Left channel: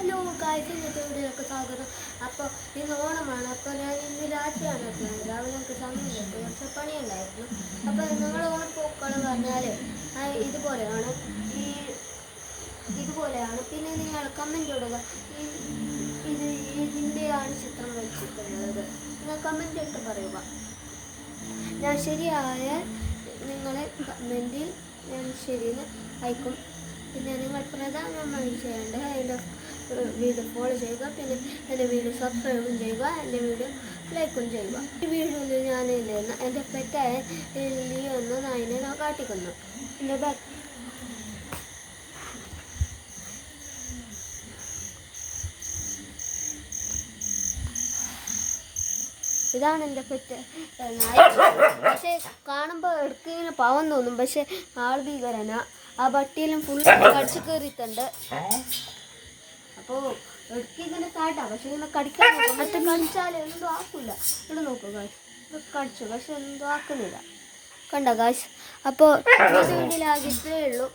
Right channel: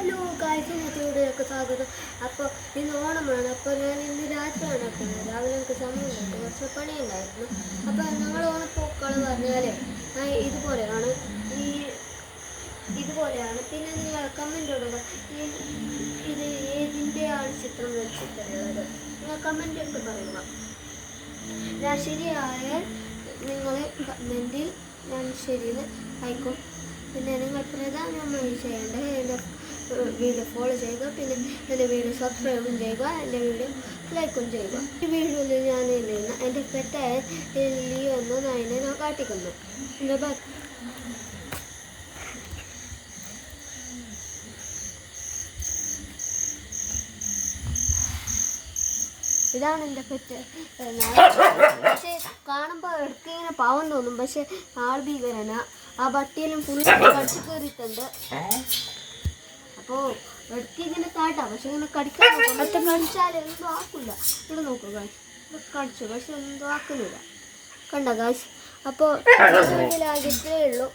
Hello guys, ഇന്നത്തെ വീഡിയോക്ക് സ്വാഗതം. അപ്പോൾ ഇന്ന് ഓണമാണ്. അപ്പോൾ ഞാൻ ഇന്ന് രാത്രിയാണ് എത്തുന്നത്. രാവിലെ എനിക്ക് സമയമില്ല, കുറച്ച് പണിയുണ്ടായിരുന്നു. അപ്പോൾ നമ്മൾ ഓണപ്പൂക്കൾ പറഞ്ഞാൽ ഇതുപോലെയാണ്. ഇതുപോലെയാണ്. പിന്നെ നിങ്ങൾ കമൻറ്റ് ഇടുക, ഇത് ഏതിൻ്റെയാണ് ചിത്രം വെച്ചിട്ടുള്ളത്. നിങ്ങൾ കമൻറ്റ് ഇട്ട് പറയുക. ഞാൻ ശരിയായ നിങ്ങൾ കമൻറ്റിൽ ഞാൻ ശരിയെന്ന് അയക്കും. പിന്നെ നിങ്ങൾ പ്രധാനമായി ചെയ്യേണ്ടത് എൻ്റെ വീഡിയോ ഫോളോ ചെയ്യുക, പിന്നെ എൻ്റെ വീഡിയോ സബ്സ്ക്രൈബും ചെയ്യുക, എൻ്റെ വീഡിയോ ലൈക്കും ചെയ്യുക. ഈ വീഡിയോയിൽ ഞാൻ എൻ്റെ പെറ്റായ ലിയോ എന്ന നായിനെ ഞാൻ കാട്ടിക്കുന്നു. എൻ്റെ ബാക്ക് ഇതാണ് എൻ്റെ പെറ്റ്. പക്ഷേ കാണുമ്പോൾ എടുക്കിങ്ങനെ പാവം തോന്നും, പക്ഷെ ആൾ ഭീകരന. ആ ബട്ടിയെല്ലാം ഫുൾ കടിച്ചു കയറിയിട്ടുണ്ട്. അപ്പോൾ എടുക്കിങ്ങനെ കാട്ടാം, പക്ഷെ ഇങ്ങനെ കടിച്ചാൽ എന്തോ ആക്കില്ല. ഇവിടെ നോക്കുക ഗായ്സ്, ഇത് കടിച്ചു, പക്ഷെ എന്തോ ആക്കുന്നില്ല. കണ്ട ഗായ്സ്. അപ്പോൾ ഇതിലാകെ ഇത്രയേ ഉള്ളൂ.